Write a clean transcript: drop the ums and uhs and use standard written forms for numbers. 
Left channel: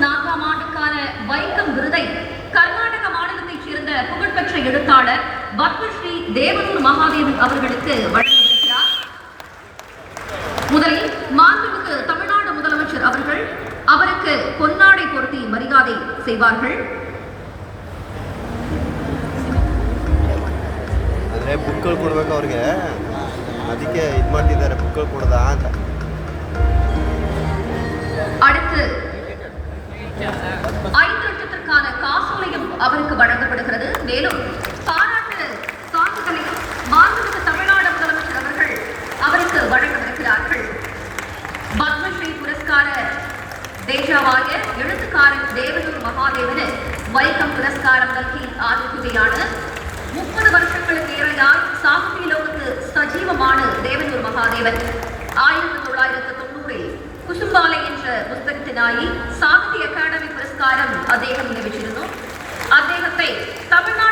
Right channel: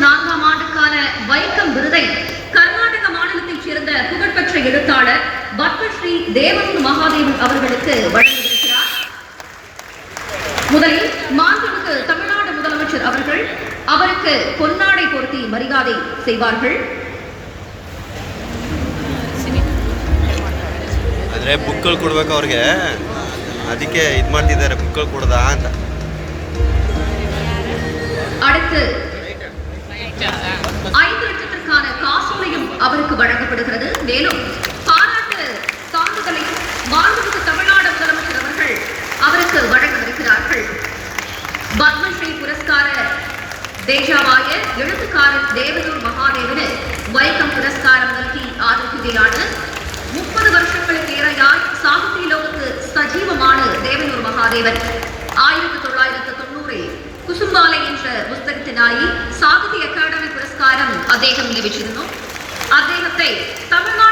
2004ஆம் ஆண்டுக்கான வைக்கம் விருதை கர்நாடக மாநிலத்தைச் சேர்ந்த புகழ்பெற்ற எழுத்தாளர் பத்மஸ்ரீ தேவனூர் மகாதேவன் அவர்களுக்கு வழங்கியிருக்கிறார். முதலில் மாண்புமிகு தமிழ்நாடு முதலமைச்சர் அவர்கள் அவருக்கு பொன்னாடை பொருத்தி மரியாதை செய்வார்கள். ಆದರೆ ಬುಕ್ಗಳು ಕೊಡ್ಬೇಕು ಅವ್ರಿಗೆ, ಅದಕ್ಕೆ ಇದು ಮಾಡ್ತಿದ್ದಾರೆ ಬುಕ್ಗಳು ಕೊಡದಾ ಅಂತ. அடுத்து 5 லட்சத்திற்கான காசோலையும் அவருக்கு வழங்கப்படுகிறது. மேலும் பாராட்டு சான்றிதழை மாண்புமிகு தமிழ்நாடு முதலமைச்சர் அவர்கள் அவருக்கு வழங்கவிருக்கிறார்கள். பத்மஸ்ரீ புரஸ்கார ದೇಶವಾಯ எழுத்துக்காரர் தேவனூர் மகாதேவന് வைக்கம் புரஸ்காரம் നൽകി ആദരിക്കുകയാണ്. 30 വർഷങ്ങൾക്ക് ഏറെയായി സാഹിത്യലോകത്ത് സജീവമാണ് ദേവനൂർ മഹാദേവൻ. 1990-ൽ കുസുംബാല എന്ന പുസ്തകത്തിനായി സാഹിത്യ അക്കാദമി പുരസ്കാരം അദ്ദേഹം ലഭിച്ചിരുന്നു. അദ്ദേഹത്തെ തമിഴ്നാട്